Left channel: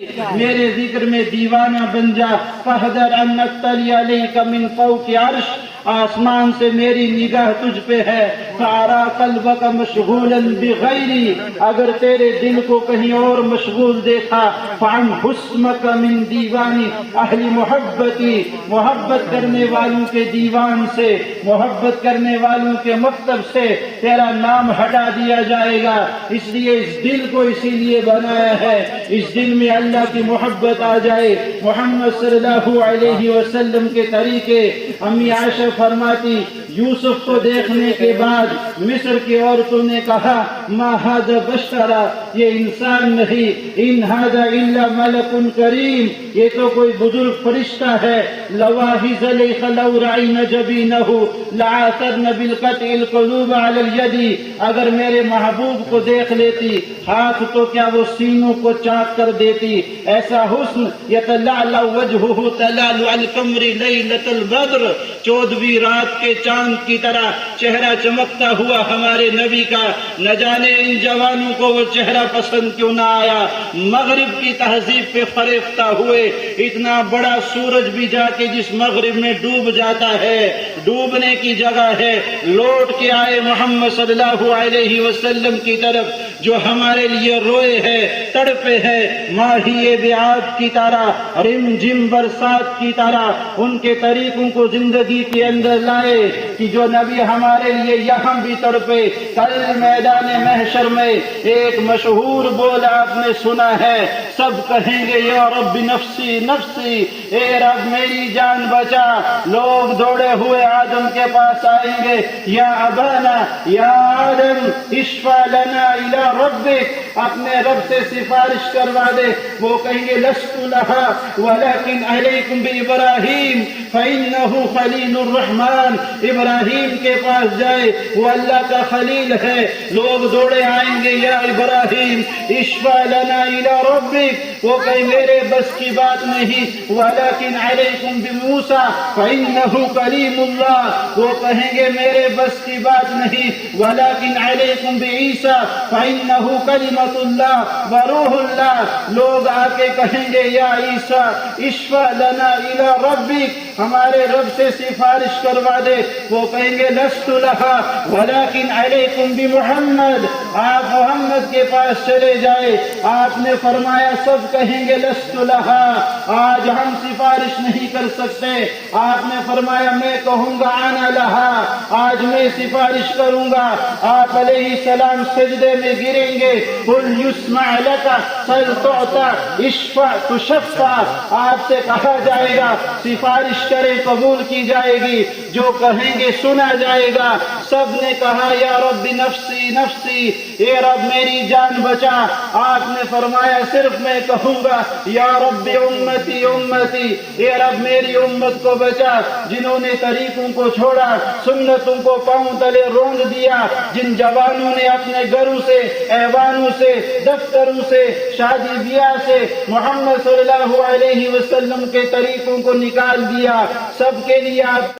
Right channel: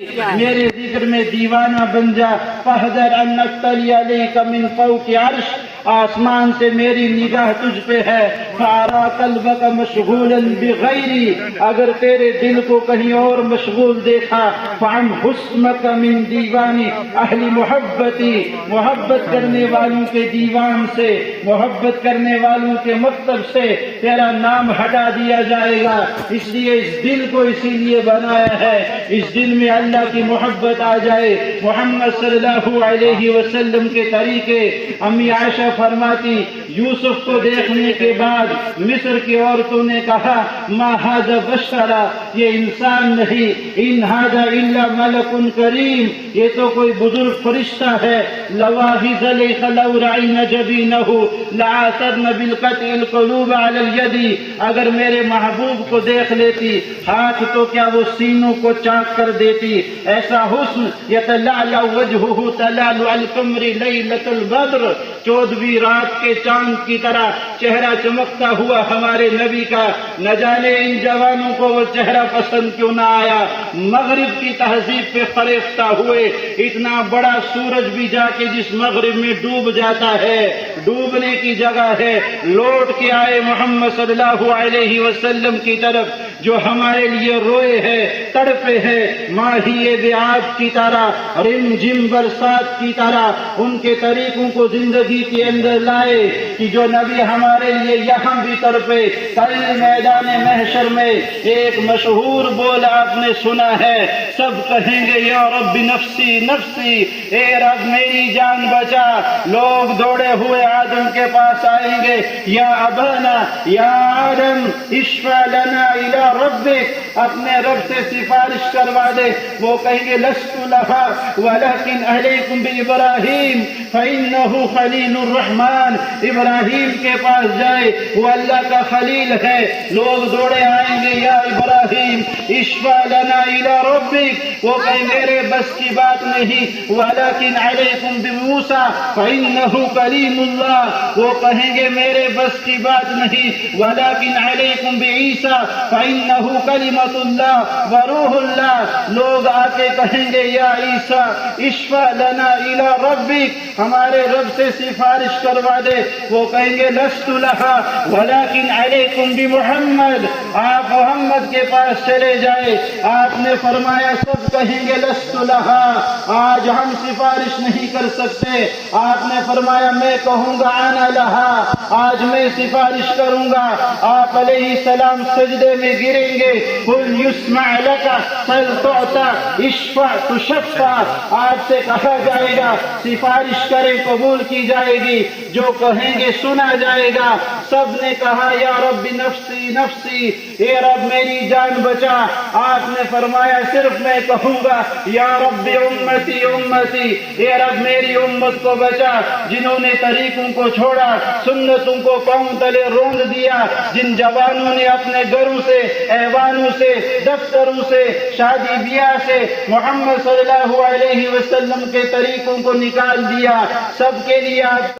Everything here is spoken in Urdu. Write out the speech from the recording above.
میرے ذکر میں دیوانہ بن جا فاحذر ان نطلع علیک من فوق عرش، آسمان سے میری نگاہ تجھ پہ ہے، فارا قلبک مشغولا بغیری، اگر تیرے دل کو کہیں اور مشغول دیکھا، فعن حسنک من دیوانی اہل محبتی، محبت کرنے والوں کے دیوان سے، محبت کرنے والوں کے مکتب سے تیرا نام ہٹا دیا جائے گا۔ اس لیے اس دل کو اسی لیے بنایا ہے، اس دل میں اللہ کی محبت آ جائے، محمد صلی اللہ علیہ وسلم کے طریقے۔ امی عائشہ فرماتی یوسف کو دیکھنے کے بعد مصر کی عورتوں نے کہا ما ھذا بشرا، یہ انسان نہیں، ان ھذا الا ملک کریم، یہ تو کوئی بزرگ فرشتہ ہے۔ لواحی زلیخ لو رعین جبینہ لعاثرن بالقطع القلوب علی الید، اگر میرے محبوب کو دیکھ لیتی ہاتھ تو کیا وہ سینوں کو چاک کر دیتی، ایسا حسن یتلعلع وجہہ تلالع القمر لیلۃ البدر، 14ویں رات کے چاند کی طرح چہرہ چمکتا ہوا ہمارے نبی کا، نہ جانے ان جوانوں کو وہ چہرہ پسند کیوں نہ آیا۔ مغرب کی تہذیب پہ فریفتہ ہوئے، اتنا بڑا سورج بھی جا کے جس مغرب میں ڈوب جاتا ہے، ڈوبنے کی جگہ ہے، لوٹ کے آئے محمد صلی اللہ علیہ وسلم کی طرف جو ہمارے لیے روئے ہے، تڑپے ہے، ماہی بیعت کی طرح، رم جم برسات کی طرح ان کے طریقوں کو زندگی کے اندر لائے کہ جو نبی ہمارے لیے یہاں بھی تڑپے۔ کل میدان محشر میں ایک مشہور بول آپ نے سنا ہے، سب کہیں گے یا رب نفسی نفسی، اے رب میری جان بچا۔ لوگ دوڑے ہوئے آدم کے پاس آئیں گے، یا ابانا یا آدم اشفع لنا الی ربک، اپنے رب سے سفارش کروا دے۔ وہ کہیں گے لست لہا ولکن علیکم بابراہیم فإنہ خلیل الرحمن، ابراہیم کے پاس جائے، وہ اللہ کا خلیل ہے۔ لوگ دوڑے آئیں گے یا ابراہیم اشفع لنا الی ربک، وہ کہیں میرے بس کی بات نہیں، ولکن علیکم بموسیٰ فإنہ کلیم اللہ، وہ کہیں گے میرے بس کی بات نہیں، ولکن علیکم بعیسیٰ فإنہ کلمۃ اللہ وروح اللہ۔ لوگ آ کے کہیں گے یا عیسیٰ اشفع لنا الی ربک، ہمارے رب سے سفارش کروا دے، وہ کہیں گے لست لہا ولکن علیکم بمحمد، آپ محمد کے پاس چلے جائے۔ آپ نے فرمایا سب کہیں گے لست لہا، آج ہم سفارش نہیں کر سکتے۔ آپ نے فرمایا میں کہوں گا انا لہا، آج میں سفارش کروں گا۔ آپ علیہ السلام سجدے میں گریں گے، قل یسمع لک سل تعطى اشفع تشفع، آپ سے کہا جائے گا سفارش کریں قبول کی جائے گی، جو کہیں گے سنا جائے گا۔ سب نے کہا یا رب نفسی نفسی، اے رب میری جان بچا۔ آپ نے فرمایا صرف میں کہوں گا یا رب امتی امتی، اے رب میری امت کو بچا، جنہوں نے طریقوں کو چھوڑا، سنتوں کو پاؤں تلے روند دیا، جن جوانوں نے اپنے گھروں سے، ایوانوں سے، دفتروں سے، شادی بیاہ سے محمد صلی اللہ علیہ وسلم کے طریقوں کو نکال دیا، سب کے لیے آپ